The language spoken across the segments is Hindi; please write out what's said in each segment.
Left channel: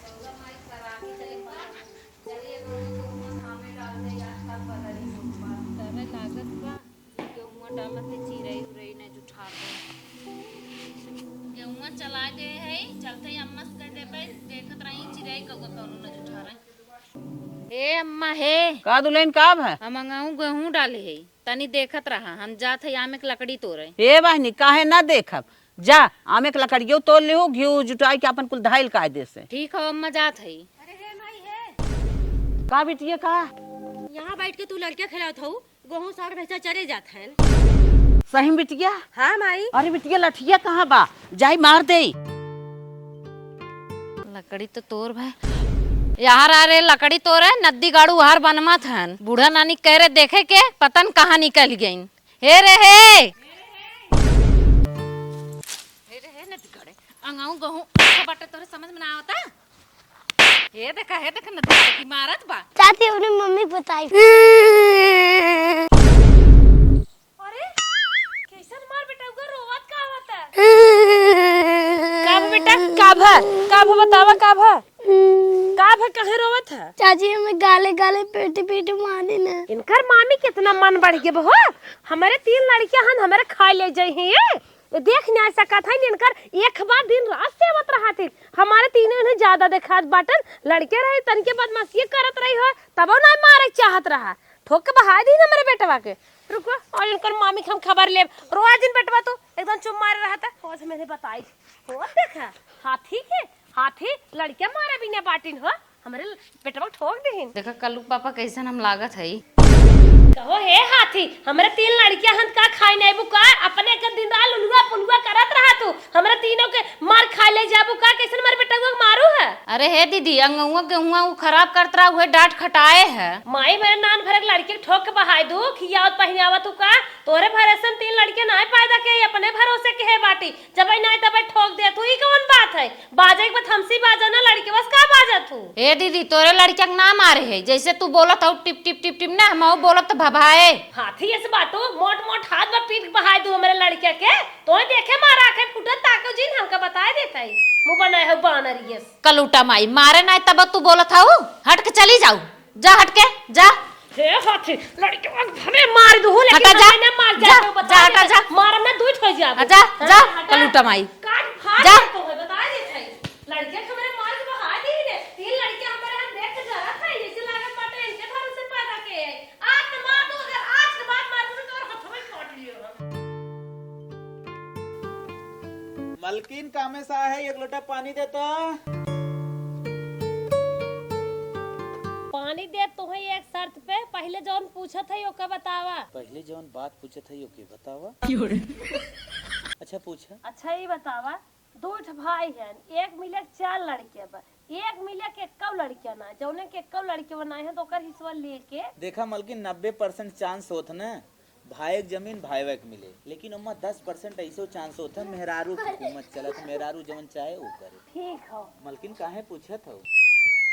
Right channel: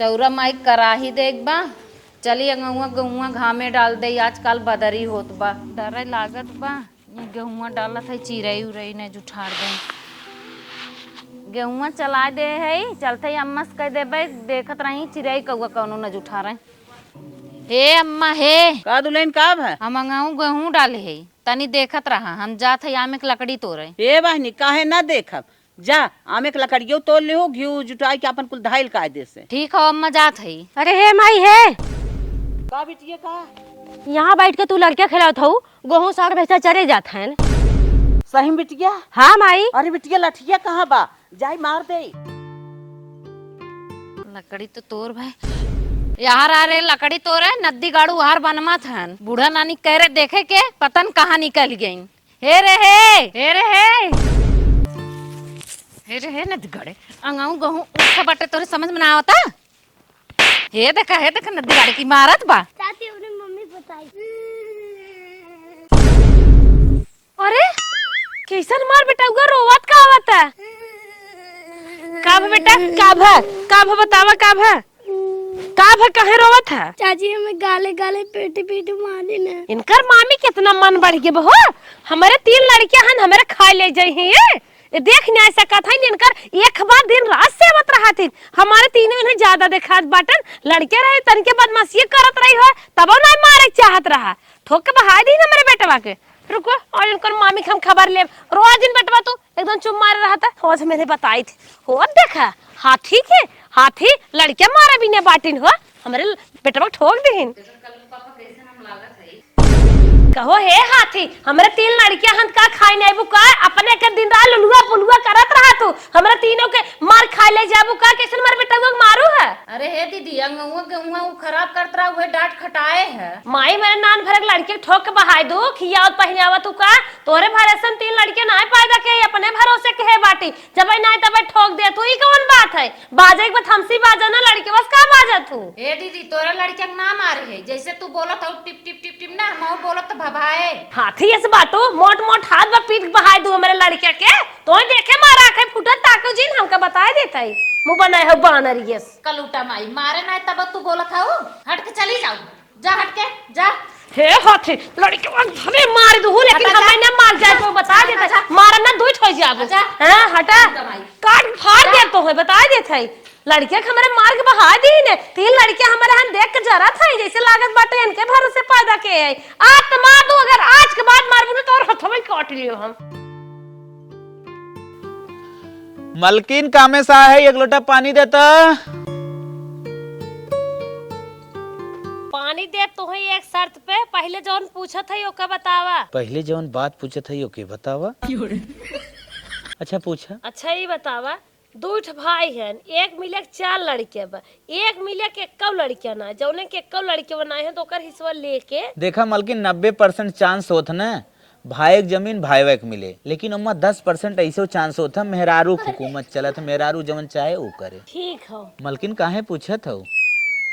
चौरा माई कराही देख बा। चली गहुआ गहुआ घामे डाल दे, आजकल बदरी होत बा, डरे लागत बा। ये गेहुआ डालत है, चिरई उरई ने जुठार दे। गेहुआ चला दे है, चलते अम्मा से कह देबे, देखत रही चिरई कौआ कौनो न जुठा रहे। हे अम्मा हे का दुल्हन का है? हम अंगाऊ गेहूं डाले है, तनी देखत रहा, हम जात है आमे के लकड़ी तोड़े। हे बहनी काहे ना देखब, जा आमे के लकड़ियों तोड़ ले, घी जुटाई के अपन कुल धाइल कायदे से। ठीक हो अम्मा, जात है। अरे हे माई है, का बिटिया का यहाँ बैठ के तू लड़के खेलत हूँ, गेहूं साग भैंसा चरे जात हैं। सही बिटिया? हाँ माई। अरे बिटिया लठिया कहाँ बा, जाई मार दे। लकड़ी तो तोड़ भाई, यार आ रे लकड़ी तोड़े, नदी गाड़ू हार बनमत हन। बूढ़ा नानी कह रहे देखे के पतन कहाँ निकल गई। हे रे हे, हे रे हे, हे रे हे नदी गाड़े अंगाऊ गहूं अच्छा बाटे, तोरे समझ में ना आवता। हे देखा नदी गाड़े की मारत बा। चाची अपनी मम्मी बताई। अरे कैसन मार बेटा, उगा रोवत का आवत है? काभ बेटा काभ बतावा, काभ काहे रोवत है? चाची हमें गाले गाले पेटी पेटी मार देना। इनकर मामी कितना मन बढ़ गए बहो, हमारे 3 लड़कियां हन, हमारे खा ले जाई हैं। ये देख नहीं ऐसा कहता है, इनकर एक बार दिन रात सेवत रहा थी, हमारे तीनों इन्हें ज्यादा देखा बाटन। लड़के रहे तन के बदमाशी करत रही हो, तब ना मारे चाहत रहा, ठोक के बहा दी ना मेरे बेटवा के। रुको और इनकर मामी के हम खबर ले, रोज दिन बेटवा तो एकदम चुप मारे रहा था। रोज मैंने बताई थी, हो देखा हाथी के हाथी लड़के मारा भी ने बाटिन हो, हमारे बेटवा ठोक दीन। देखा कल्लू पापा कैसन हम लागत है। कहो हे हाथी, हमारे 3 लड़कियां हन का खाई नहीं बुका, अपने के दिन रात लुलुआ पुलुआ करत रहा तू, हमारे तीनों के मार खा ले जाबू का, कैसे मार बेटा को मारू है? अरे हे दीदी अंगुआ गेहुआ वो खराब करत रहा, हुए डांट खटाए है। माई मेरे नान भरक लड़के ठोक के बहाई दू, खियावत पहिनावा तू का, तोरे भरोसे 3 लड़के ना पैदा के, अपने भरोसे के है बाटी, जब ना तब ठोक दे तू, ई कौन बात है? बाजे के बाद हमसी बाजा ना लड़के बस का बाजा तू? हे दीदी तोरे लड़के के ना मारे है, जैसे तू बोलत हो टिप टिप टिप टिप ना, हम बोलत भभाए। हाथी ऐसे बाटो मोट मोट हाथ बा पीठ बहाई दू मेरे लड़के के, तो देखे मारा के फुटत ताको जिन हमका बताए देता है, मुंह बनाए हो बानरियस। कलूटा माई मारे ना तब तू बोलत हो, हट के चली जाऊ, जा हट के जा। हे हाथी लड़के को मार दू, लेकिन हमें ना मार जाए तो बता दे, मारा ना दूध हो जाए। जा हां हटा कलूटा माई, काट फाड़ दे तो है, बता देता है। लड़के हमारे मार के बहा दी ने, 3 लड़के हमारे हम देख के जरा था जैसे लागत बाटे इनके भरोसे पैदा के है। आज तो मार दो, अगर आज के बाद मार दूं तो और हथवे काट लियो हम। मलकिन कामे सा है, एक लोटा पानी देता। पानी दे तो है एक शर्त पे, पहले जौन पूछत है ओके बतावा। पहले जवन बात पूछत है ओके बतावा। अच्छा पूछा। अच्छा ये बतावा, 2 भाई हैं, एक मिले 4 लड़के बा, एक मिले के 1 लड़कियां ना, जौने के 1 लड़के बनाए हैं तो ओकर हिस्सा लेके। देखा मलकिन 90% चांस होत ना भाई जमीन भाई के मिले, लेकिन उम्मा 10% ऐसे चांस होता मेहरारू हुकूमत चलत, मेहरारू जवन चाहे वो करे। ठीक हो मलकिन काहे पूछत हो,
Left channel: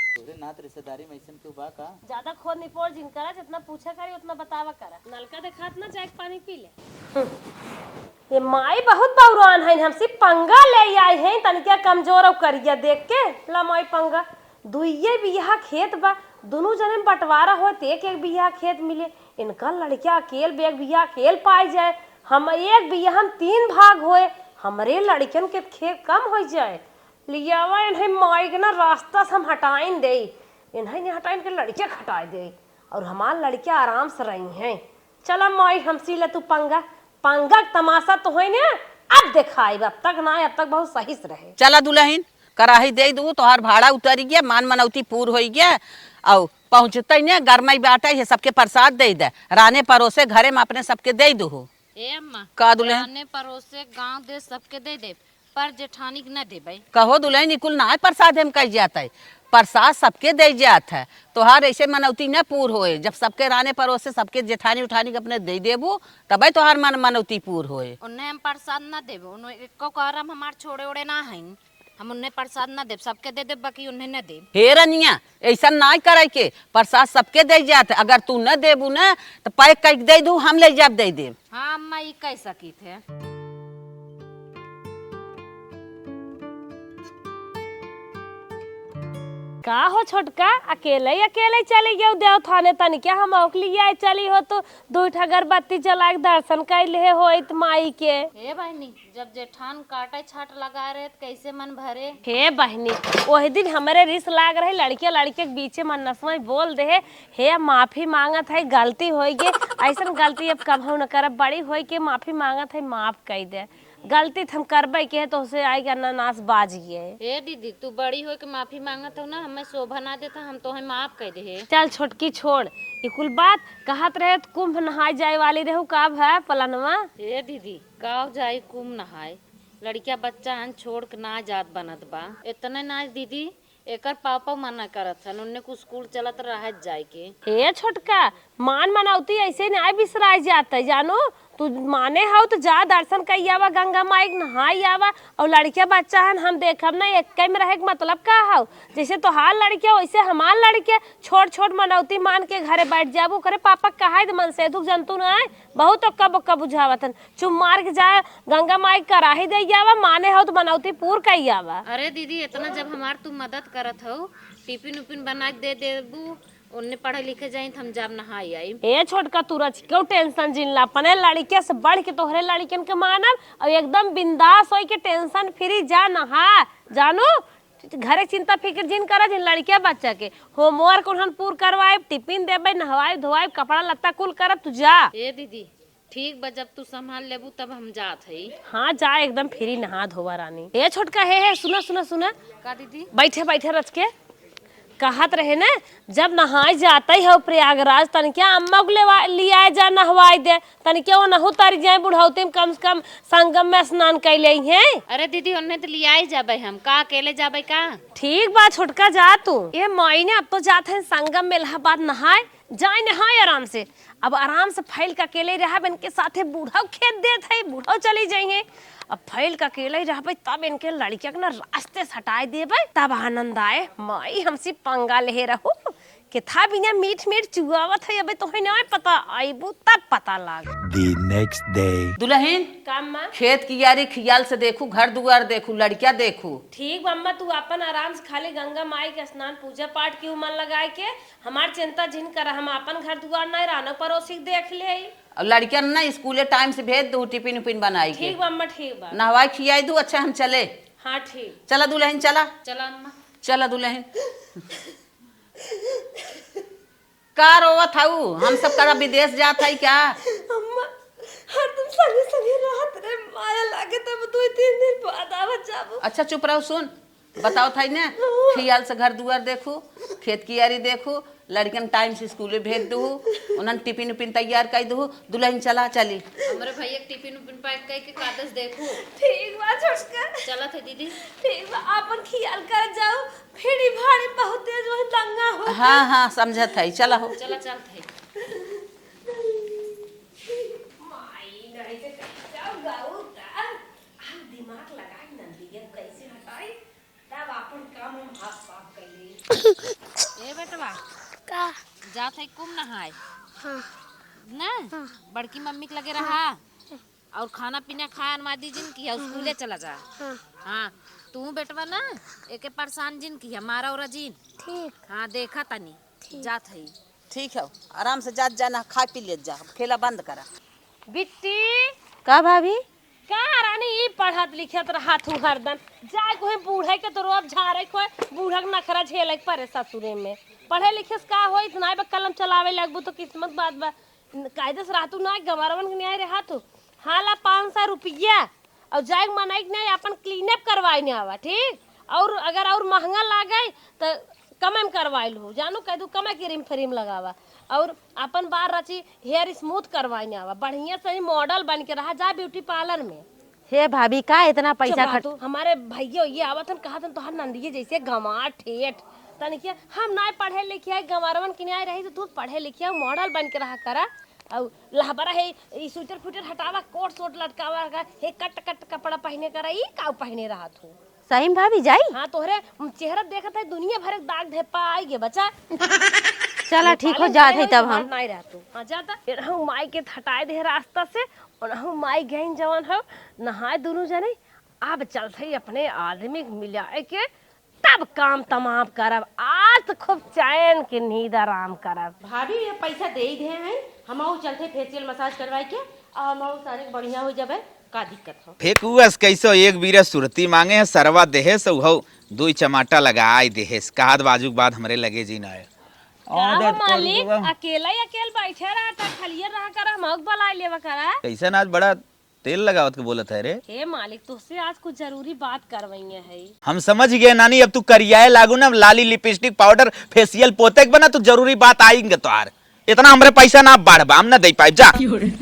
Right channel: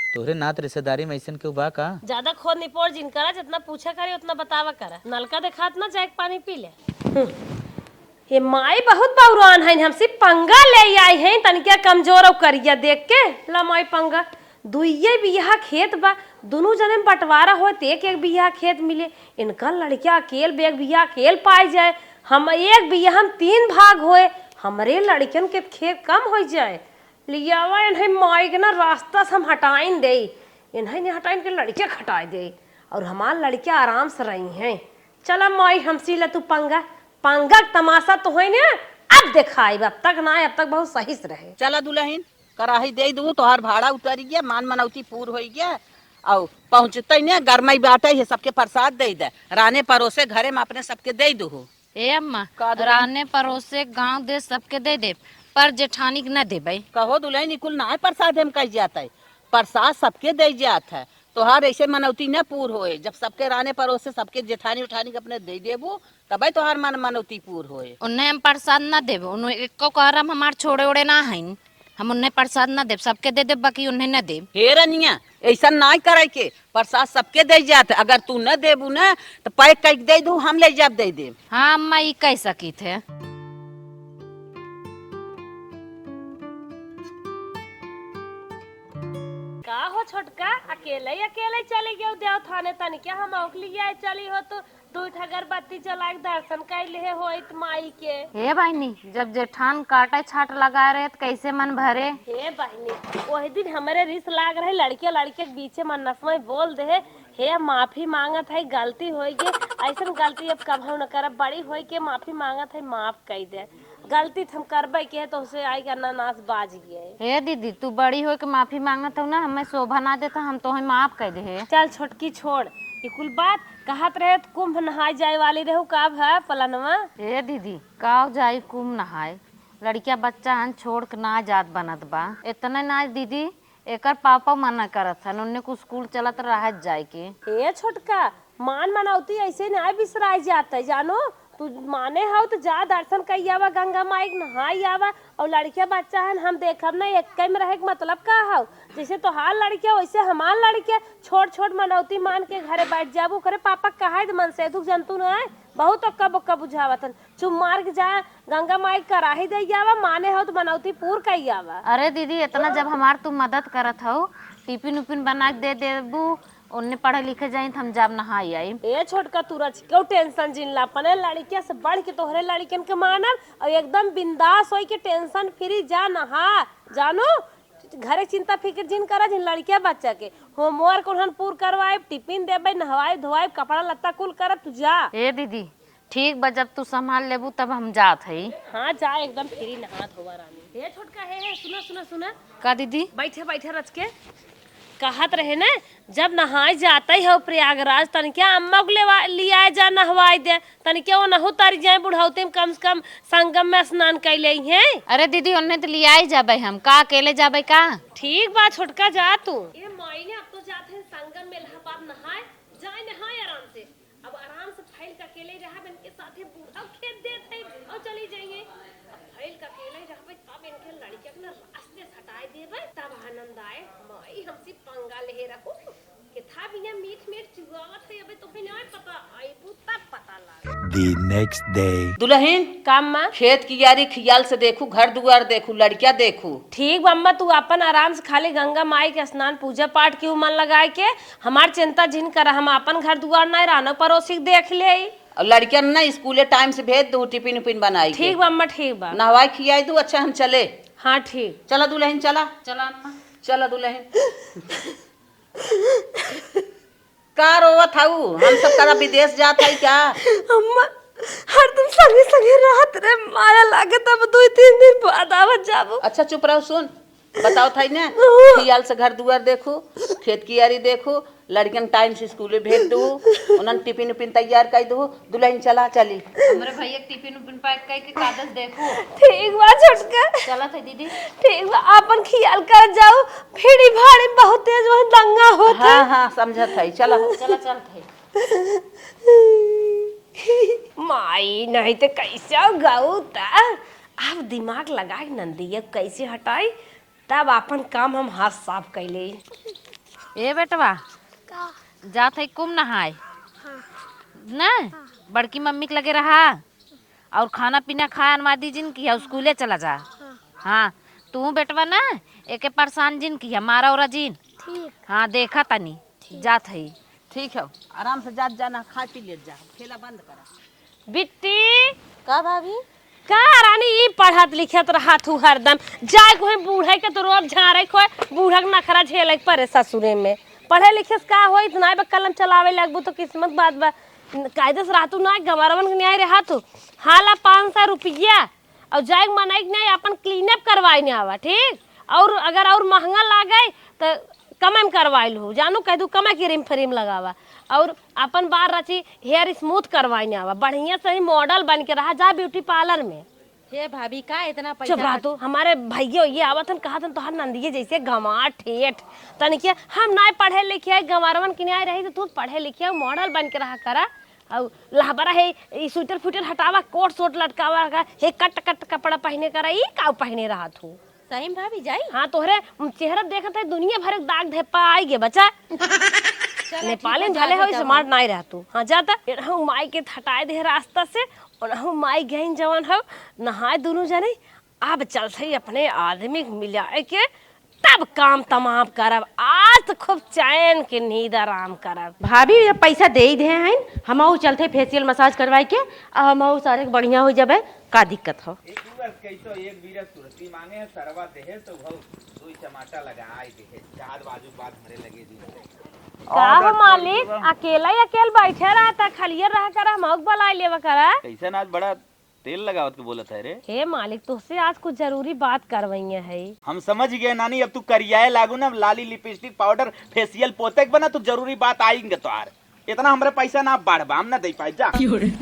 तोरे नात रिश्तेदारी में ऐसन क्यों बा का? ज्यादा खोद निपोड़ जिन करा, जितना पूछा करे उतना बतावा करा। नलका दिखात ना, जाके पानी पी ले। ये माई बहुत बौरान है, हमसे पंगा ले आई है, तनिका कमजोर और करिया देख के ला माई पंगा। दुइये बिया खेत बा, दोनों जने बंटवारा हो, एक एक बिया खेत मिले, इनका लड़किया अकेल बेग बिया अकेल पाई जाए, हम एक बिया हम 3 भाग होए, हमारे लड़कियन के खेत कम हो जाए। लियावा इन्हें माई के ना रास्ता से हम हटाइन दे, इन्हें नहीं हटाइन के लड़के हटाए दे, और हमार लड़के आराम से रही हैं। चला माई हमसी ले तू पंगा, पंगा तमाशा तो है ना, अब दिखाई, अब तक ना, अब तक बहुत सही से रहे। चला दुल्हन कराही दे दू, तोहर भाड़ा उतर गया, मान मनौती पूर हो गया, और पहुँचते ने गरमई बाटे है, सबके प्रसाद दे दे, राने परोसे घरे में अपने सबके दे दू। ए अम्मा का दुल्हन? राने परोसे गांव दे सबके दे दे, पर जेठानी के न देबे। कहो दुल्हन कुल ना प्रसाद हम कह जाता है, प्रसाद सबके दे जात है, तोहार ऐसे मनौती न पूर होए, जब सबके राने परोसे सबके जेठानी उठानी के अपने दे देबो तबे तोहार मनौती पूर होए। उन्हें हम प्रसाद न देब, उन्हें एको कहरम हमार छोड़े ओड़े ना हईन, हम उन्हें प्रसाद न देब, सबके दे देब, बाकी उन्हें न देब। हे रनिया ऐसा ना करे के, प्रसाद सबके दे जात, अगर तू न देबू न तो पैक कर दे दू, हम ले जाब दे देब। हाँ अम्मा ये कह सकी थे। का हो छोटका अकेले अकेले चली गए देव थाने तनी क्या हम औकली आए चली हो तो दू अगरबत्ती जला के दर्शन कर ले हो माई के। हे बहनी जब जेठान काटे छाट लगा रहे तो कैसे मन भरे। हे बहनी वही दिन हमारे रिस लाग रही लड़के लड़के के बीचे मन में बोल दे हे माफी मांगत है गलती हो गई ऐसा गलती अब कब न करब बड़ी हो के माफी मांगत है माफ कर दे गलती हम करबे के तो उसे आएगा नानास बाज गए। हे दीदी तू बड़ी हो के माफी मांगत हो ना हमें शोभा ना देता हम तो माफ कर दे। चल छोटकी छोड़ ये कुल बात कहत रहे तो कुंभ नहाए जाए वाली रहू कब है पलनवा। हे दीदी काव जाई कुम नहाए लड़किया बच्चा हन छोड़ के ना जात बनत बा इतने ना दीदी एकर पापा मना करत हन उन्ने को स्कूल चलत रहत जाए के। हे छोटका मान मनौती ऐसे नहीं बिसराई जाता जानो तू माने हो तो जा दर्शन कर आवा गंगा माई नहाई आवा और लड़के बच्चा हन हम देखब ना एक में रहे मतलब का हो जैसे तोहार लड़के वैसे हमार लड़के छोट छोट मनौती मान के घरे बैठ जाबो करे पापा कहा मन से दुख जंतु न बहुत अक्का बुझावत हन चुम मार के जा गंगा माई कराही दे आवा माने हो तो मनौती पूर कर आवा। अरे दीदी इतना जब हमार तू मदद करत हो टिफिन उपिन बना दे देबू उन्ने पढ़े लिखे जाए हम जब नहाई आई। ए छोटका तू रच क्यों टेंशन जिनला अपने लड़के से बढ़ के तोहरे लड़किन के मानब और एकदम बिंदास होई के टेंशन फ्री जा नहा जानो घरे चिंता फिक्र जिन करा जिन लड़के बच्चा के होमवर्क उन्हन पूर करवाए टिफिन देबे नहवाए धोवाए कपड़ा लत्ता कुल करब तू जा। ए दीदी ठीक बा जब तू संभाल लेबू तब हम जात हई। हाँ जा एकदम फ्री नहा धोवा रानी। ए छोटका हे सुना सुना सुना का दीदी बैठे बैठे रच के कहत रहे ना जब नहाए जाता ही हो प्रयागराज तन क्या अम्मा को ले आए जा नहवाई दे तन क्या वो नहु तर जाए बुढ़ाते में कम से कम संगम में स्नान कर ले हैं। अरे दीदी उन्ने तो लिया ही जाबे हम का अकेले जाबे का। ठीक बा छोटका जा तू ये मायने अब तो जाते हैं संगम में इलाहाबाद नहाए जाए नहाए आराम से अब आराम से फैल का अकेले रहा बन के साथे बूढ़ा खेत देत है बूढ़ा चली जाएंगे अब फैल का अकेले रह तब इनके लड़किया के ना रास्ते से हटाए देबे तब आनंद आए माई हमसे पंगा ले रहू के था बिना मीठ मीठ चुआवत है अबे तो नहीं पता आईबू तब पता लाग। The next day. दुल्हन काम माँ खेत की यारी खियाल से देखू घर दुआर देखू लड़किया देखू। ठीक अम्मा तू अपन आराम से खाली गंगा माई के स्नान पूजा पाठ की मन लगाए के हमार चिंता जिन कर हम अपन घर दुआर नहीं रहना पड़ोसी देख ले और लड़किया ना स्कूले टाइम से भेज दू टिफिन उपिन बनाई के। ठीक बा अम्मा ठीक बा नहवाई खियाई दू अच्छा हम चले। हाँ ठीक चला दुल्हन चला चला अम्मा चला दुल्हन का रोवत हऊ हम सब तरह विदेश जात है क्या। अम्मा हर तुम संगे संगे रात रे माया लागे तब 2-3 दिन बाद आवत जाबो। अच्छा चुप रहो सुन बताओ था ना खियाल से घर दुआर देखू खेत की यारी देखू लड़कियन टाइम से स्कूले भेज दू उन्हन टिफिन उपिन तैयार कर दू दुल्हन चला चली। हमरे भैया टिफिन उपिन पैक करके कागज देखो। ठीक बा छोटका चला थे दीदी ठीक बा अपन खियाल कर जाओ भीड़ी भाड़ी बहुत तेज वहां दंगा होता। हाँ हाँ समझत है चला चला चल थे माई नहीं तो कैसे गाऊ ता अब दिमाग लगा के नंदिया कैसे हटाई तब अपन काम हम हाथ साफ कैले। ए बेटवा का जात है कुम नहाए हाँ ना बड़की मम्मी के लगे रहा और खाना पीना खाया अनमादी जिन की स्कूले चला जा। हाँ तू बेटवा ना एके परेशान जिन की मारा और जिन ठीक हाँ देखा तनी जात है। ठीक है आराम से जात जाना खा पी ले जा खेला बंद करा। बिट्टी का भाभी का रानी ये पढ़त लिखत रहा तू हरदम जाए कोई बूढ़े के तो रोब झारे कोई बूढ़ा के नखरा झेले परे ससुरे में पढ़े लिखे से का होई ना बे कलम चलावे लगबू तो किस्मत बात बा कायदे से रातू ना गवारवन के न्याय रहा तो हाला 500 रुपया और जाए मनाई नहीं अपन क्लीन अप करवाई नहीं आवा ठीक और अगर और महंगा लागे तो कम करवाई लो जानो कह दू कम क्रीम फ्रीम लगावा और अपन बाल रची हेयर स्मूथ करवाई नहीं आवा बढ़िया से मॉडल बन के रहा जा ब्यूटी पार्लर में। हे भाभी का इतना पैसा तू हमारे भैया ये आवत कहा तोहर नंदिये जैसे गंवार ठेठ तन क्या हम ना पढ़े लिखे गंवारवन के न्याय रही तो तू पढ़े लिखे मॉडल बन के रहा करा और लहबरा है स्वेटर फुटर हटावा कोट सोट लटकावा हे कट कट कपड़ा पहने करा ई का पहने रहा तू सही भाभी जाई। हाँ तोहरे चेहरा देखते दुनिया भर दाग धब्बा आई गे बच्चा। चला ठीक हो जा तब हम नहीं रह तू हाँ जाता हम माई के हटाए दे रास्ता से और हम माई गई जवन हो नहाए दोनों जने अब चलते अपने आदमी मिलाए के तब काम तमाम करब आज तो खूब चैन के नींद आराम करब। भाभी ये पैसा दे ही दे हैं हम चलते फेशियल मसाज करवाए के हम सारे बढ़िया हो जाबे का दिक्कत हो। फेकुअस कैसो एक बीरा सुरती मांगे है सरवा देहे सो हो दुई चमाटा लगाई देहेस कहत बाजू के बाद हमरे लगे जी ना का हो मालिक अकेला ही अकेल बैठे रहा था खलियर रहा करा मौक बला लेवा करा। कैसा आज बड़ा तेल लगावत के बोलत है रे। हे मालिक तुझसे आज कुछ जरूरी बात करवाई है। हम समझ गए नानी अब तू करियाए लागू ना लाली लिपस्टिक पाउडर फेशियल पोते के बना तो जरूरी बात आएंगे तोहार इतना हमरे पैसा ना बढ़बा हम ना दे पाइब जा।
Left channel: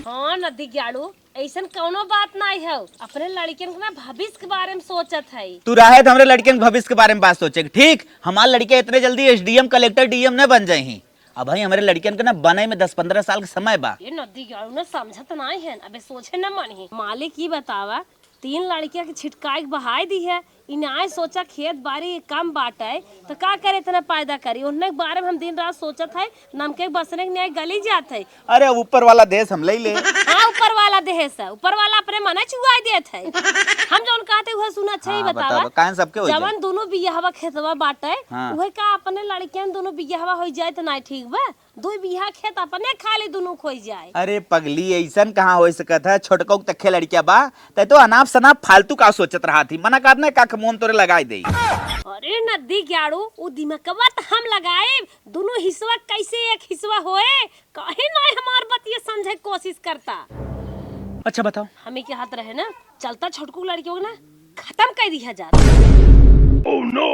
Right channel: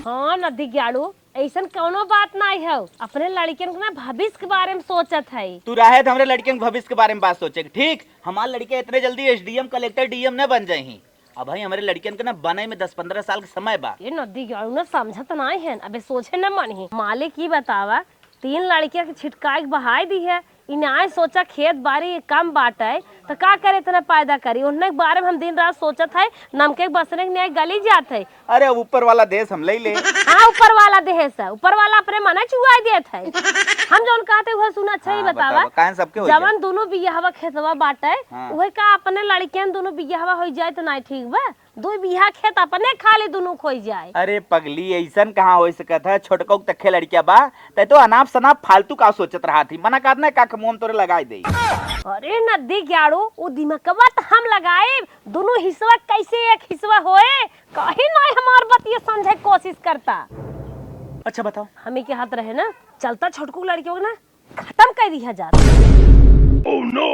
हाँ नदी ग्याड़ू ऐसन कौनो बात नहीं है अपने लड़कियन के ना भविष्य के बारे में सोचत है। तू रहे तो हमरे लड़के के भविष्य के बारे में बात सोचे ठीक हमारे लड़के इतने जल्दी एसडीएम कलेक्टर डीएम न बन जाए अब भाई हमारे लड़कियन के ना बने में 10-15 साल का समय बा। ये नदी ग्याड़ू ना समझत नहीं है अबे सोचे न मानी मालिक ही बतावा 3 लड़कियां के छिटकाई बहाई दी है इन्हें सोचा खेत बाड़ी कम बाटे तो का करे इतना पैदा करी उनके बारे में हम दिन रात सोचत है नमके बसने के गली जात है। अरे ऊपर वाला देश हम ले हाँ ऊपर वाला देश है ऊपर वाला अपने मन चुआई देत है हम जौन कहते हुए सुना अच्छा ही बतावा जवन दोनों बियाहवा खेतवा बाटे वही का अपने लड़कियन दोनों बियाहवा हो जाए तो नहीं ठीक बा 2 बियाह खेत अपने खाली दोनों खोई जाए। अरे पगली ऐसन कहाँ हो सकत है छोटको तखे लड़किया बा ते तो अनाप शनाप फालतू का सोचत रहा थी मना करने का मुंह तोरे लगाई दे। अरे नदी ग्याड़ू वो दिमागवा तो हम लगाए दोनों हिस्सा कैसे एक हिस्सा होए कहीं नहीं हमार बात ये समझे कोशिश करता। अच्छा बताओ हमें के हाथ रहे ना चलता छोटकू लड़कियों ना खत्म कर दिया जाता। ओह नो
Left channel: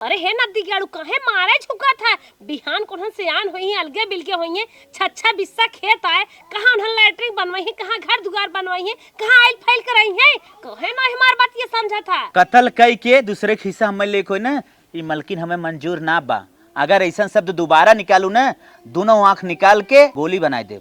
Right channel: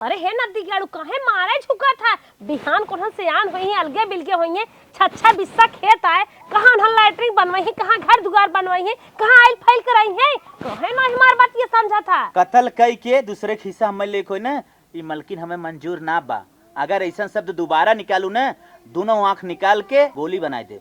अरे हे नदी ग्याड़ू कहे मारे झुका था बिहान कोन सियान होई है अलगे बिलगे होई है छच्छा बिस्सा खेत आए कहां उन्हन लैट्रिन बनवाई है कहां घर दुआर बनवाई है कहां आइल फाइल कराई है कहे ना हमार बात ये समझा था कत्ल कई के दूसरे के हिस्सा हमें लेको ना ये मलकिन हमें मंजूर ना बा अगर ऐसा शब्द दोबारा निकालू ना दोनों आंख निकाल के गोली बनाई दे।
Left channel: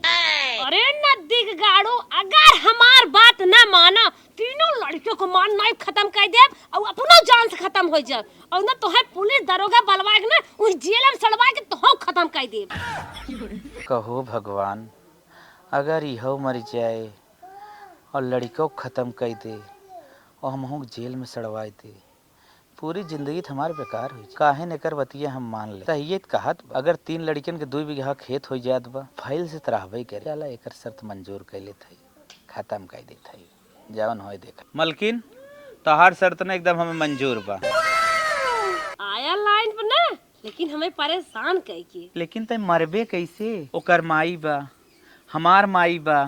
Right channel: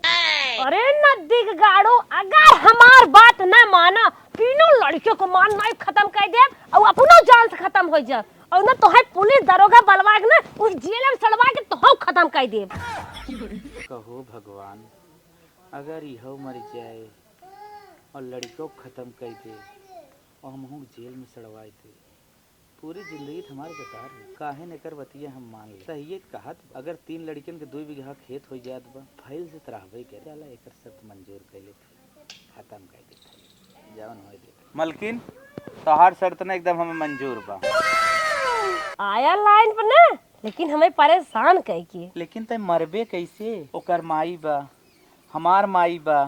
अरे नदी गाड़ू अगर हमार बात न माना तीनों लड़कियों को मान नहीं खत्म कर दे और अपना जान से खत्म हो जाए और ना तो है पुलिस दरोगा बलवा के ना उस जेल में सड़वा के तो खत्म कर दे। कहो भगवान अगर यहो मर जाए और लड़कों खत्म कर दे और हम जेल में सड़वा दे पूरी जिंदगी हमारे बेकार हुई काहे न कर बतिया हम मान ले तहिए कहत अगर 3 लड़कियन के 2 बीघा खेत हो जात बा फाइल से तरहबे करे जाला एकर शर्त मंजूर कर लेत है खत्म कर देत है जवन होय देख मलकिन तोहार शर्त ना एकदम हमें मंजूर बा आया लाइन पर ना लेकिन हमें परेशान कह के लेकिन ते मरबे कैसे ओकर माई बा हमार माई बा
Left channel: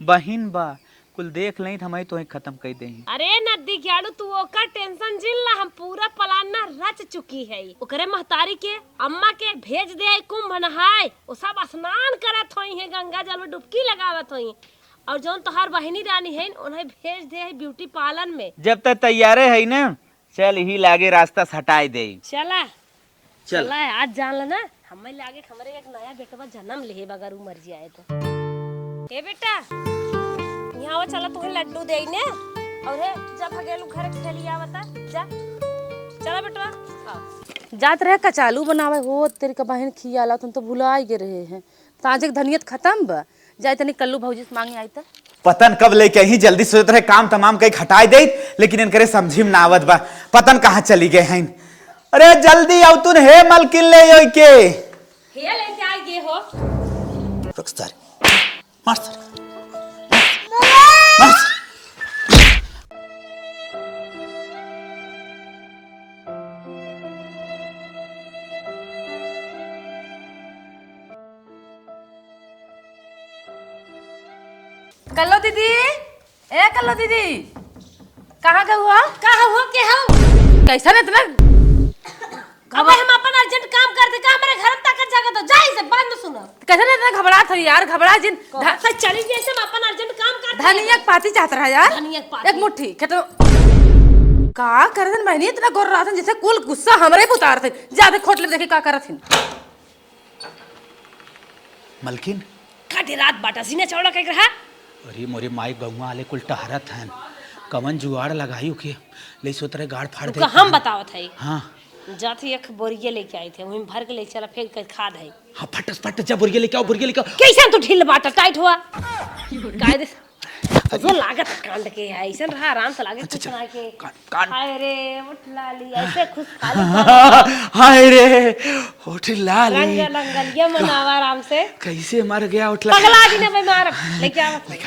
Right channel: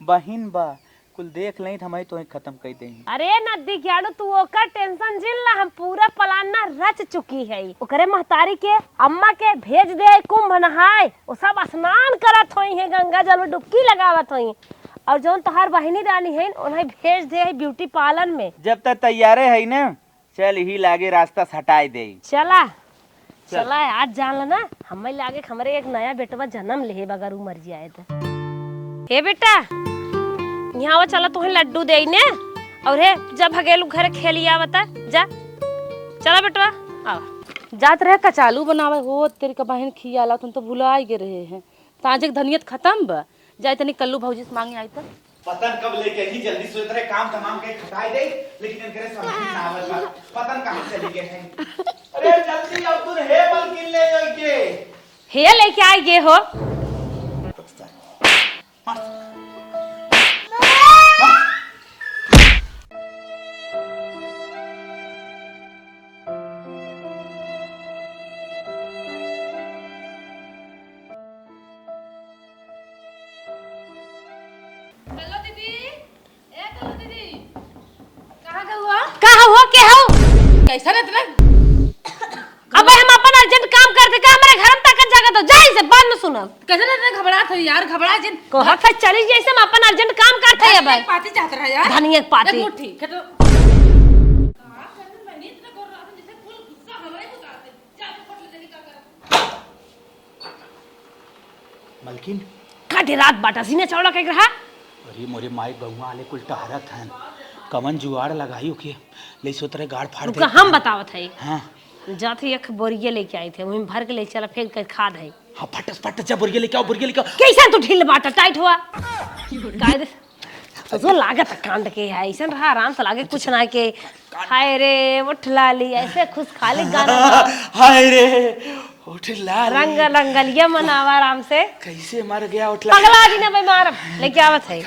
बहिन बा कुल देख लें हमें तो खत्म कर देंगे। अरे नदी ग्याड़ू तू ओकर टेंशन जिल ना हम पूरा प्लान ना रच चुकी है ओकरे महतारी के अम्मा के भेज दे कुंभ नहाए वो सब स्नान करत होई है गंगा जल में डुबकी लगावत होई और जौन तोहार बहिनी रानी है उन्हें भेज दे ब्यूटी पार्लर में जब तक तैयारे है ना चल ही लागे रास्ता हटाई दे चला चला आज जान लेना हमें लागे हमारे एक नया बेटवा जन्म ले बगर मर जाए तो हे बेटा यहाँ चला तुम्हें लड्डू दे ने और है जब भगेलू घर खेलिया बता जा चला बेटवा आओ जात रहे कचालू बनावे हो तेरे का बहन खियाला तुम तो भुला ही रहे हैं ताजे धनियत खत्म बा जाए तनी कल्लू भौजी से मांगे आई तक पतन कब लेके ही जल्दी सोच रहे काम तमाम कई हटाई दे लेकिन इनकरे समझी में नावत बा पतन कहाँ चली गए हैं। अरे जल्दी आओ तुन हे मलकिन ले यो के हे लेके आई गे हो कल्लो दीदी ए कल्लो दीदी कहाँ गए हो के हो कैसा रहता ना अब हम अपन अर्जेंट काम करते का हमारे घर में तक जगह तो जाए से बाद में सुनब कैसा रहता घबराहट हो यार घबरा जिन घर से चली जैसे हम अपन अर्जेंट काम करते हैं धनिया पाती चाहता रहा यार धनिया पाती एक मुट्ठी तो का करन बहनी इतना गोर रहा था जैसे कुल गुस्सा हमरे पे उतार थे ज्यादा खोटले देखे का करत थी मलकिन का रात बाटा सीने चौड़ा कह रहा अरे मोरे माई गौवा वाले कुल टहरत हैं कवन जुआड़ लगाई के ले सो तरह गाड़ फाड़ दे हम बतावत है हां जाते एक बोरिया लेके आई थे वहीं भर के ले चला फेंक कर खाद है हां फटस फट जा बोरिया लेके आओ कैसे तो ढील बाटा टाइट हुआ कायदे तो लागत कांड के है ऐसा रहा आराम से लागे कुछ ना के हाय रे उठ लाली ऐसे खुशहाली हाय रे होठ लाल रंग रंगलिया मनावा आराम से कैसे मर गया उठला पगला जी ने भाई मार लेके आवत है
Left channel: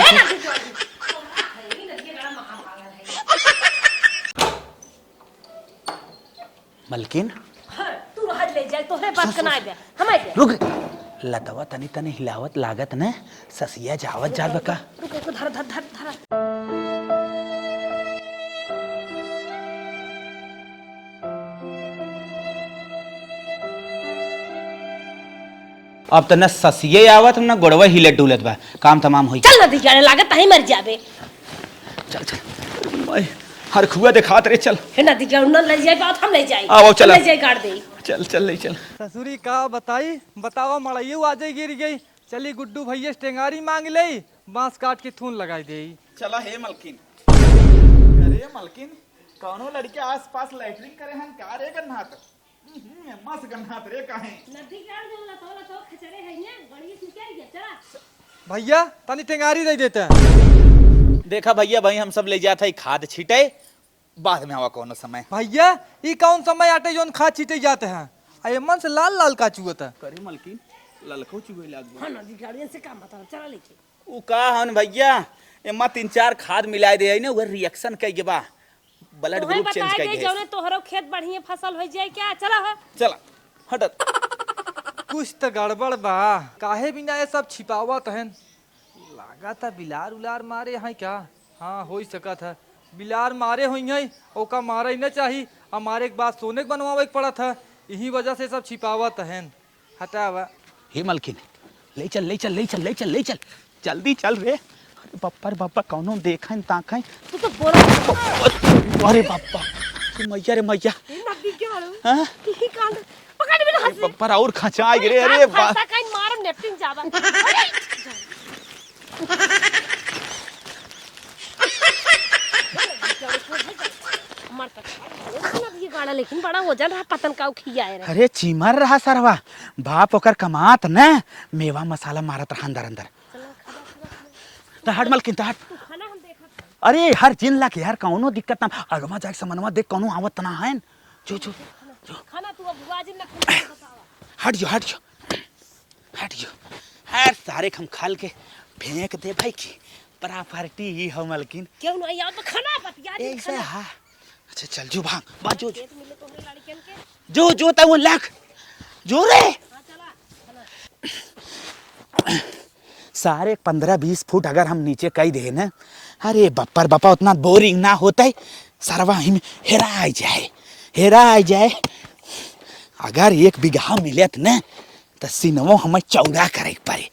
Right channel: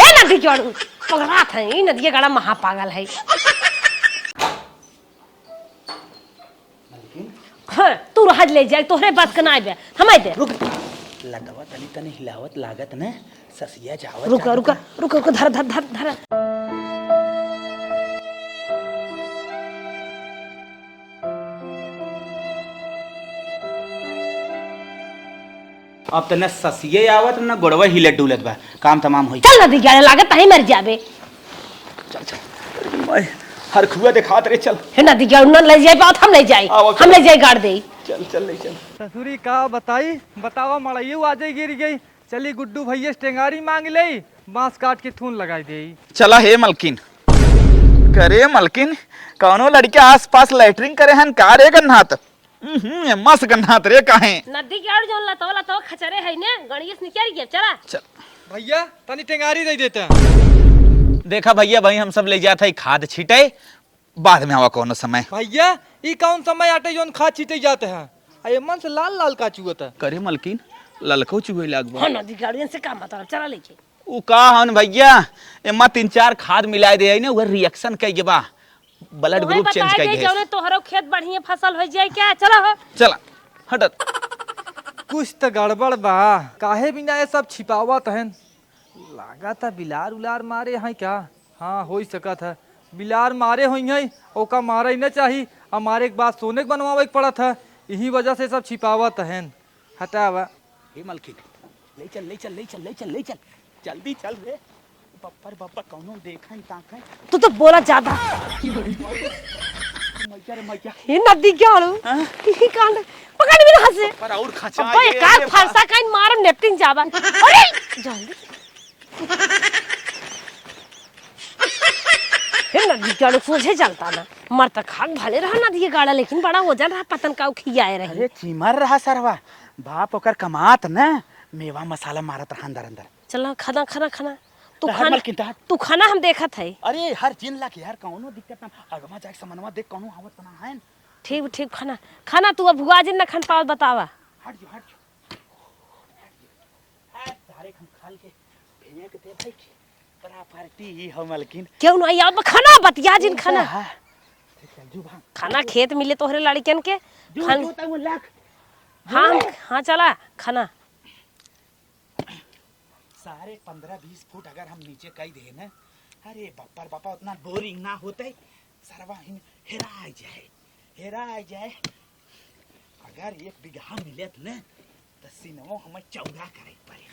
ए नदी जोड़ पगला था ये नदी गड़ा महापागल है मलकिन हाँ, तू रहज ले जाए तोहरे बात के ना आबे हमाय दे रुक लतवा तनी तनी हिलावत लागत न ससिया जावत रुका रुका रुका रुका धर धर धर धर अब त न ससिए आवत न गोड़वा हिलत डुलत बा काम तमाम होई चल नदी जाने लागत ही मर जाबे चल चल मैं हर खुआ दिखात रे चल हे नदी जाओ न ले जाए बात हम नहीं जाए आओ, हम चलो। ले जाए गाड़ दे चल चल नहीं चल ससुरी का बताई बतावा मड़ाइयो आजे गिर गई चली गुड्डू भैया टेंगारी मांग ले बांस काट के थून लगाई दे चला हे मलकिन करे मलकिन कौनो लड़के आस पास लैटरिंग करे हन का रे गन्नात मस्त गन्नात रे काहे नदी जाओ जो लतवा लतवा खचरे है ने गणेश निकल गया चला चल भैया तनी टेंगारी दे देते हैं देखा भैया भाई हम सब ले जाते खाद छीटे बाद में आवा कोनो समय भैया ई कौन समय आटे जोन खा छीटे जाते हैं अये मन से लाल लाल का चुअत है करे मलकिन ललको चुहे लागबा हां नदी गाड़ियन से काम मतलब चला लेके उ का हन भैया एमा 3-4 खाद मिलाए दे न उहर रिएक्शन कई बा ब्लड ग्रुप चेंज कई दे जौने तोहरो खेत बढ़िया फसल हो जाए क्या चला हो चला हटत कुछ तो गड़बड़ बा काहे बिना ये सब छिपावत हैं लागा था बिलार उलार मारे हैं क्या हाँ हो ही सकत है बिलार मारे हुई हैं ओका मारे न चाहिए हमारे एक बात सोने के बनवावे के पड़ा था यही वजह से सब छिपावत हैं हटावा हे मलकिन ले चल ले चल ले चल ले चल ले चल जल्दी चल रे बप्पर बप्पा कौनो देखन ताकन तू तो बोला जाता अरे बप्पा मैया रे मैया ये नदी क्या लो हां ये कांड पकड़ भी ना हंसे पर और खचा ओए ये का रे फंसा काइन मार नेपटिंग जावा अरे जल्दी ये नदी क्या लो सोचे चलता ना मर तक खाक भले रहा नदी गाड़ा लेकिन बड़ा वजन रहा पतन का खियाए रहे अरे चीमर रहा सरवा बाप ओकर कमात न मेवा मसाला मारत रहा अंदर अंदर चला खाना खाना खाना तू तहर मलकिन तहर तू खाना हम देखा था अरे हर जिन ला के यार कौनो दिक्कत ना अगमा जाके समनवा देख कौनो आवत ना है ठीक ठीक खाना खाना तू अब भुआ जिन न खन पावत बतावा हट जो हट जो हट जो हर सारे हम खाल के फेंक दे भाई की प्रॉपर्टी ही हो मलकिन क्यों नहीं याद में खाना बतिया जिन खाना अच्छा चल जो भाग खाना खेत मिले तोहरे लड़कियन के जो जो ता वो लाख जो हाँ, रे हाँ चला खाना सारे 15-20 फुट अगर हम नीचे कई दे ना अरे बप्पर बप्पा उतना बोरिंग ना होता है सरवा ही में हेरा जाए अगर 1 बीघा मिलत ना तो सिनवो हमें 14 करे पड़े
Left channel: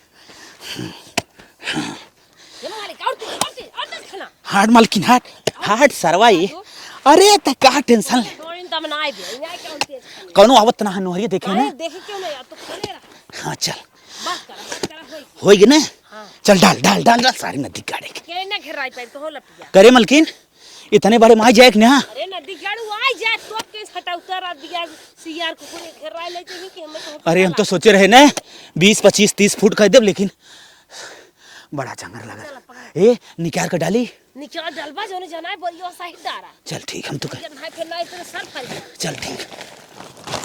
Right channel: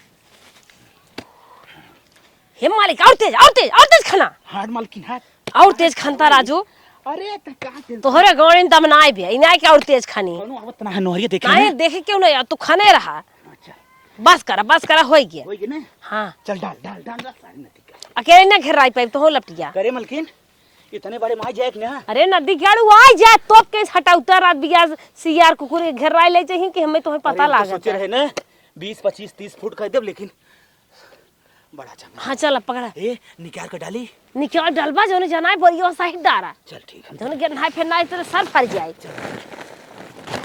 ये मालिक और तेज खाना हार्ड मालकिन हार्ड और तेज सरवा राजू अरे त का टेंशन तोहरे गौड़िन तम ना आए भी इना के और तेज खानी कोनो आवत ना नोहरिया देखे नहीं ना देखे क्यों नहीं यार तू खाने रहा हां चल बस करा हो गया होई ना हाँ चल डाल डाल डाल डाल सारी नदी गाड़े अकेले ना घेराई पे तो हो लपटिया करे मलकिन इतने बड़े माई जाए कि ना अरे नदी गाड़ू आ जा तो केस हटा उतर रात बिया सीआर कुकुर घेराई ले चाहिए कि हमें तुम्हें पता अरे हम तो सोचे रहे ना 20-25-30 फुट कह देब लेकिन बड़ा चंगा हाँ चल पकड़ा ए निकाल कर डाली निकाल डलबा जो नहीं जाना है बोलियो सही डारा चल ठीक हम तो तुम के नहाई फिर ना इस तरह सर फर जाए चल ठीक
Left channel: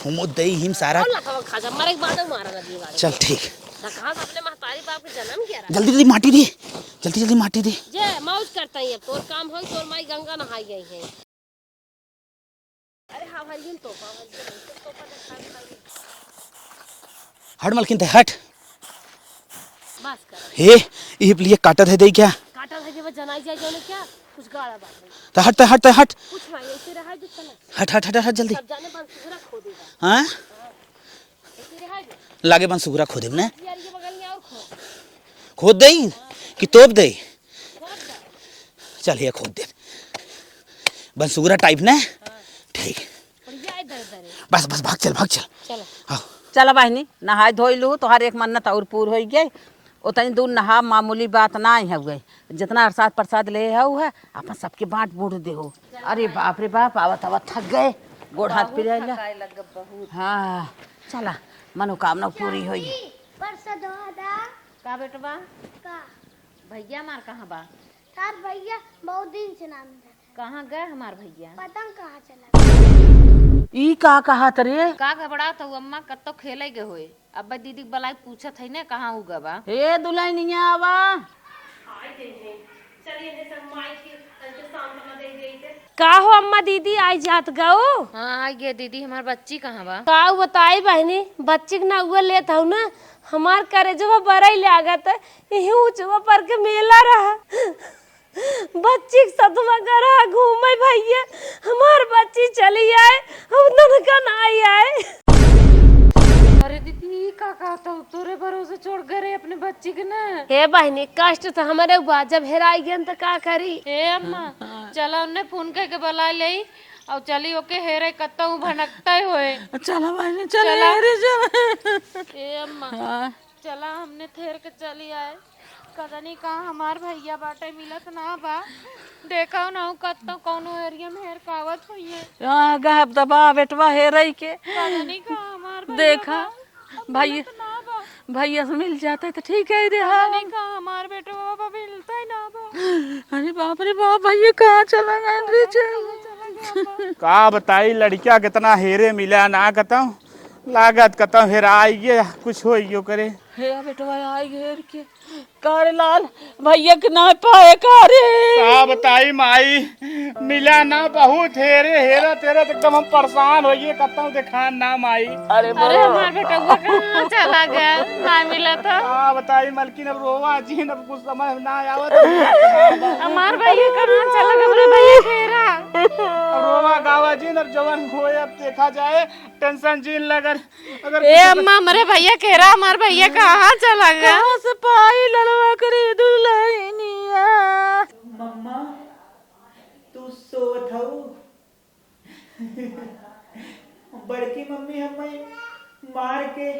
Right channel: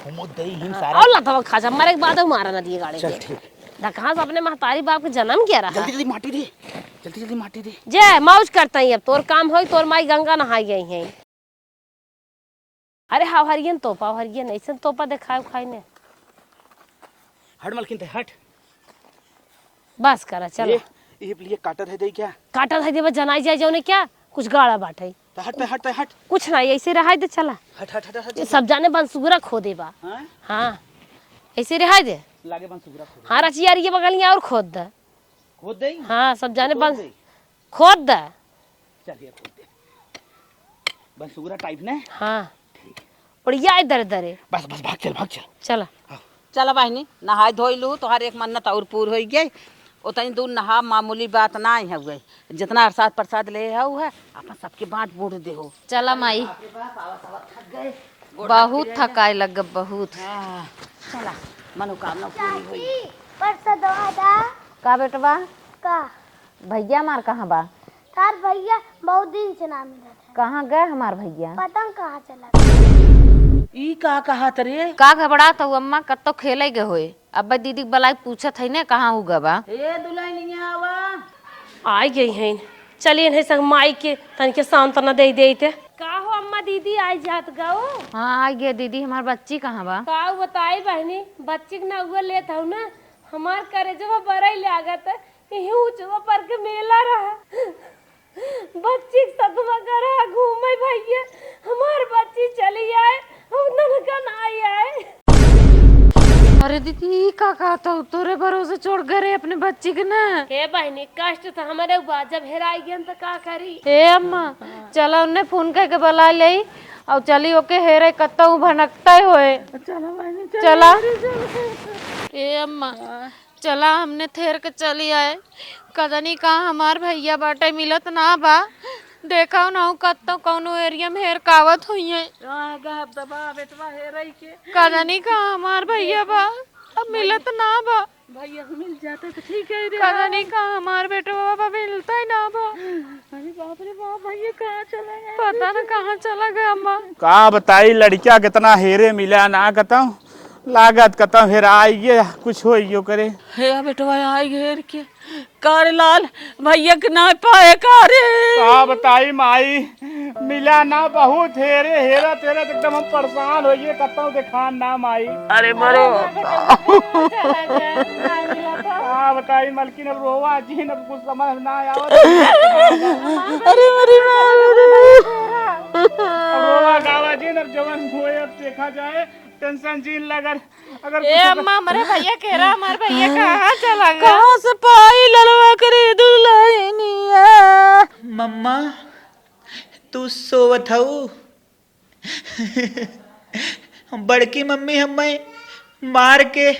हम दे हिम सारा और लता खा जा मारे के बाद मारा नदी गाड़ी चल ठीक ना कहां से अपने महतारी बाप के जन्म किया रहा जल्दी जल्दी माटी दे जल्दी जल्दी माटी दे जे मौज करता ही अब तोर काम होई तोर माई गंगा नहाई गई है अरे हाव हरियन ऐसे तोपा दिखाओ खाई ने हट मलकिन ते हट बस करा ए ये लिए काटत है दे क्या काटा था जब जनाई जाए जो ने क्या कुछ गाड़ा बाटे तो हट हट कुछ नहीं ऐसे रहा दे चला हट हट हट हट जल्दी सब जाने बंसुगरा खो देबा हां हां ऐसे रहा दे लागे बन सुगरा खोदे हां रचियार ये बगलियां और खोद दे खोद दे हां सब जाने तोप दे खोद दे चल ये खोद दे बन सुगरा टाइप ना हां ठीक बढ़िया इधर इधर बस बस भाग चल चला आओ चला बहनी नहाय धोई लू तोहार एक मन्नत और पूर हो गई उतनी दूर नहा मामूली बात ना ही हुई जितना अरसाद प्रसाद ले हऊ है अपन सबके बांट बूट दे हो चला अरे माई। बाप रे बाप आवत आवत थक गए गोड़ हाथ बहुत फिराइला। थकाए लग बहुत हाँ चला मनोकामना पूरी हुई परसा दवा दा का बेटवा का भैया हमार कहाँ बा? तार भैया बहुत दिन से ना मिला था। कहाँ गए हमार भैया? पता कहाँ चला ई का कहा तरे का घबरा तो अम्मा कत्तो खेले गए होए। अब दीदी बलाई पूछत है ने कहाँ उगा बा? हे दुल्हनिया आवा आई गई हैं। चलिए इन्हें संग माई के तनिके सांत्वना दे देते। का हो अम्मा दीदी आई जात गओ? हाँ आ गए दीदी। हमार बच्ची कहाँ बा? का बताई बहनी बच्ची के ना हुआ लेत हूँ ना हमार करे जो बरई लागत यही ऊंचवा पर के मेला रहा बच्ची के सतवा करा घूमे भैया हमार बच्ची चली आए उधर का ना आए। अरे दीदी का कहता हूँ तोरे भरोसे छोड़ गए अपने बच्ची के ना। हे बहनी कष्ट था हमारे हुआ जब हेराई गन तो का करी। हे अम्मा चला उन्हें फोन करके बुला ले और चली ओके हेरे कत्ता हूँ भनकता ही होए। चला बहनी चला ए अम्मा चला हमने थेर के चली आए कदनी कहाँ हमार भैया बाटे मिलत ना बा। देखा ना कत्तो कौनो एरिया में हेर कावत हुई है। गहब दबा बेटवा हे रही के कदनी कहाँ हमार भैया बा। अब मिलत ना बा। भैया से मिल जाता तो ठीक है। कदनी कहाँ हमार बेटा बाबा मिलता ही ना बा। अरे बाप रे बाप भैया कहाँ चला गया पता नहीं कहाँ चला गया अम्मा। का बताई लड़किया कितना हेरे मिला ना कहता लागत कहता हेरा आइए कुछ हो करे। हे बेटवा आई घेर के कार लाल भैया के ना पाए कारे का बताई माई मिला ना बहुत हेरे हेरा तेरे एकदम हम परेशान होइए कहता दिखान ना माई। अरे बड़े हमार बेटा कहाँ चला गया ना मिला था। का बताई मलकिन अब रोवा जी अब कुछ समझ ना आवत हमार भैया कहाँ चला गया अपना भैया हेरा। रोवा गावा जी अब जवान हुए अब देखा जाए टेंशन जीन लगन अगर ए अम्मा मेरे भैया केरा हमार भैया कहाँ चला गया? कहाँ से पाई ललवा करे दुल्हनिया। मम्मा तू सोवत हऊ बड़की मम्मी हमें मार के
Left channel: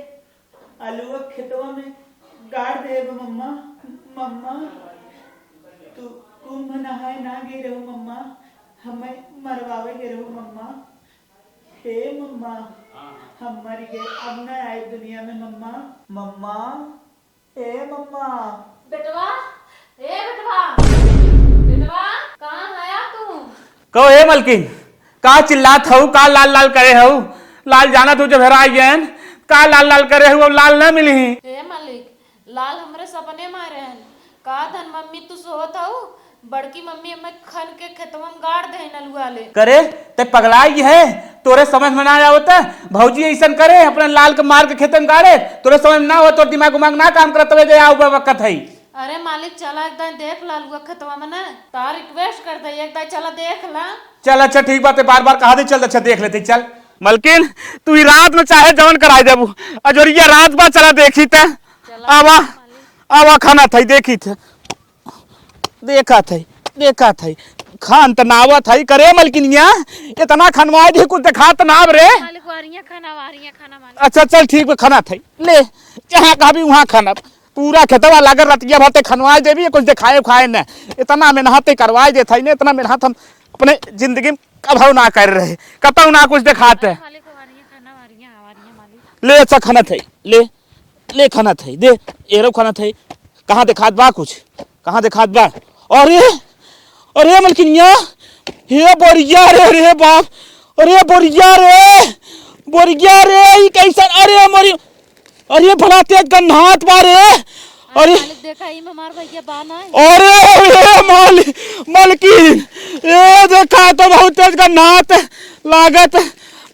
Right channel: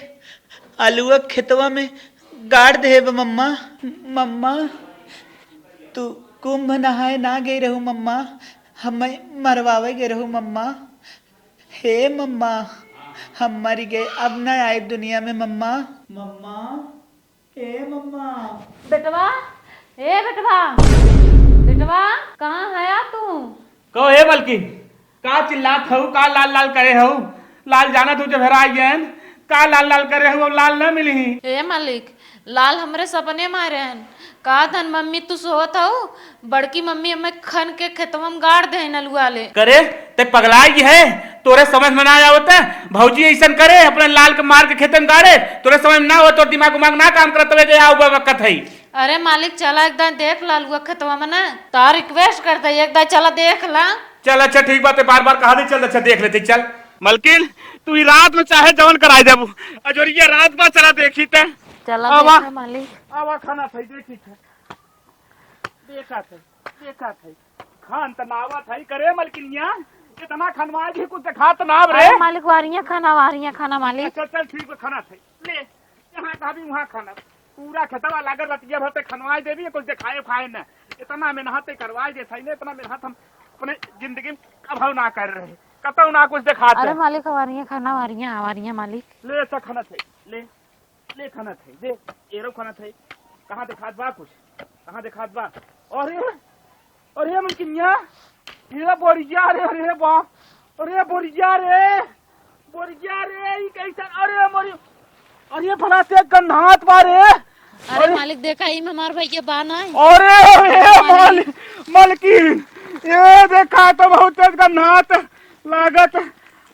आलुआ खेतवा में गाड़ दे मम्मा। मम्मा तू कुंभ नहाए ना गई रहू मम्मा हमें मरवावे गए रहू मम्मा। हे मम्मा हम मर गए अब न आए दुनिया में मम्मा। मम्मा हे मम्मा बेटवा ए बेटवा बेटवा कहाँ है तू? कहो हे मलकिन का चिल्लात हूँ का लाल लाल करे हूँ लाल जाना तू जब हेरा गया का लाल लाल करे हूँ लाल ना मिली। हे मालिक लाल हमरे सपने मारे हैं का धन मम्मी तू सोत हो बड़की मम्मी हमें खन के खेतवा में गाड़ दे नलुआ ले करे ते पगलाई है तोरे समझ में ना आवता भौजी ऐसा करे अपने लाल के मार के खेत में गाड़े तोरे समझ में ना हो तो दिमाग उमाग ना काम करत हुए आओ वक्त है। अरे मालिक चला एक दान देख लालुआ खेतवा में ना तार रिक्वेस्ट करता है एक दान चला देख ला। चल अच्छा ठीक बात है बार बार कहा दे चल अच्छा देख लेते चल मलकिन तू ही रात में चाहे जवन कराई देबू अजोरिया रात बा चला देखी थे चला आवा मालिक आवा खाना था देखी थे देखा था खान तनावा था करे मलकिनिया इतना खनवाए दी कुछ दिखा तनाव रे मालिक वारियां खाना मालिक। अच्छा चल ठीक है खाना था ले जहाँ कहा भी वहाँ खाना पूरा खेतवा लागल रतिया भरते खनवाए देवी कुछ दिखाए उखाए न इतना मेहनत करवाए देता इतना मेहनत हम अपने जिंदगी में कभाव ना कर रहे कतौ ना कुछ दिखाते। अरे मालिक वारियां मालिक ले अच्छा खाना था ले खाना था दे एरो खाना था कहाँ दिखात बा कुछ कहाँ दिखात बा। अरे अरे मलकिनिया हे बोरिया रे बाप अरे बोरिया रे ये कैसा अरे मोरी अरे भला तेज गन्हात बारे अरे मालिक देखा ही हमार भैया बाना है। अरे मलकिन ये देखा तो बहुत तेज गन्हात लागत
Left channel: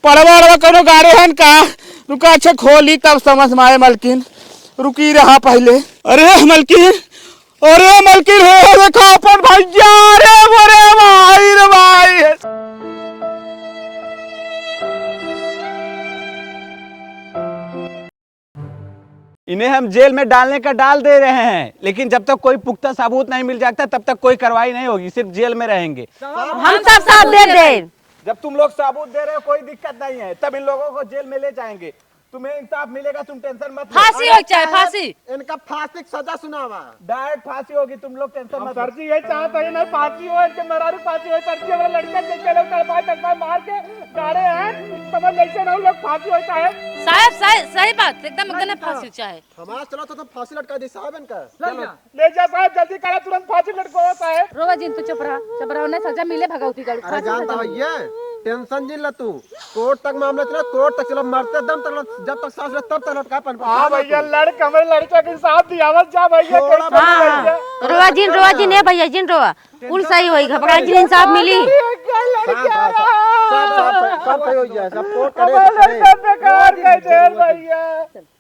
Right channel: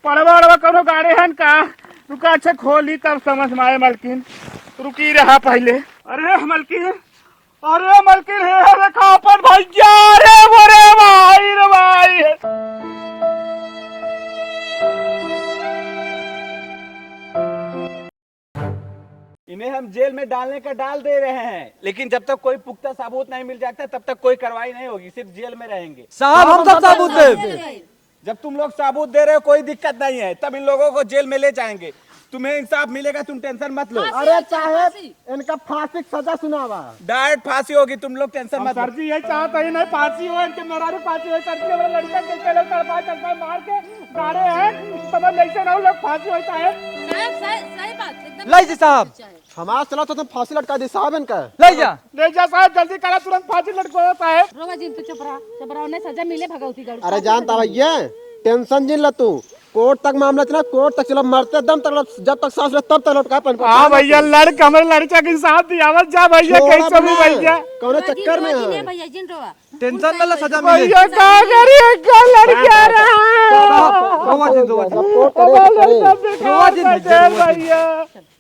पड़वा कोनो गाड़े हन का रुका अच्छा खोली तब समझ में आए मलकिन रुकी रहा पहले। अरे मलकिन हे देखा अपन भैया रे भाई इन्हें हम जेल में डालने का डाल दे रहे हैं लेकिन जब तक कोई पुख्ता सबूत नहीं मिल जाता तब तक कोई कार्रवाई नहीं होगी सिर्फ जेल में रहेंगे। साहब हम सबूत दे दे। जब तुम लोग सबूत दे रहे हो कोई दिक्कत नहीं है तब इन लोगों को जेल में ले जाएंगे तुम्हें इंसाफ मिलेगा, तुम टेंशन मत लो। फांसी हो चाहे फांसी। इनका फांसी की सजा सुनावा। डायरेक्ट फांसी होगी, तुम लोग टेंशन मत लो। सर जी यही चाहता ही नहीं फांसी हो, इनके मेहरारू फांसी हो। सर जी वो लड़का के चले तड़पा मार के गाड़े हैं, समझ ऐसे ना लोग फांसी हो चाहे। साहब सही बात एकदम। लाई जी साहब। चाहे हमारा चला तो तुम फांसी लटका दे साहब इनका। ले जा साहब जल्दी करा, तुरंत फांसी लटको साहब। रोवा जी तो चुप रहा उन्हें सजा मिले भगवती गढ़। अरे जानता भैया टेंशन जिन ल तू, कोर्ट तक मामला चला, कोर्ट तक चलो, मरते दम तक, जब तक सांस ले तब तक लटका पन। हाँ भैया लड़का हमारे लड़के के साथ दियावत जा भैया, कैसे भी भैया। रोवा जी ने भैया जिन रोवा फुल सही होएगा। इंसाफ मिली। लड़का रहा कोर्ट करे भैया।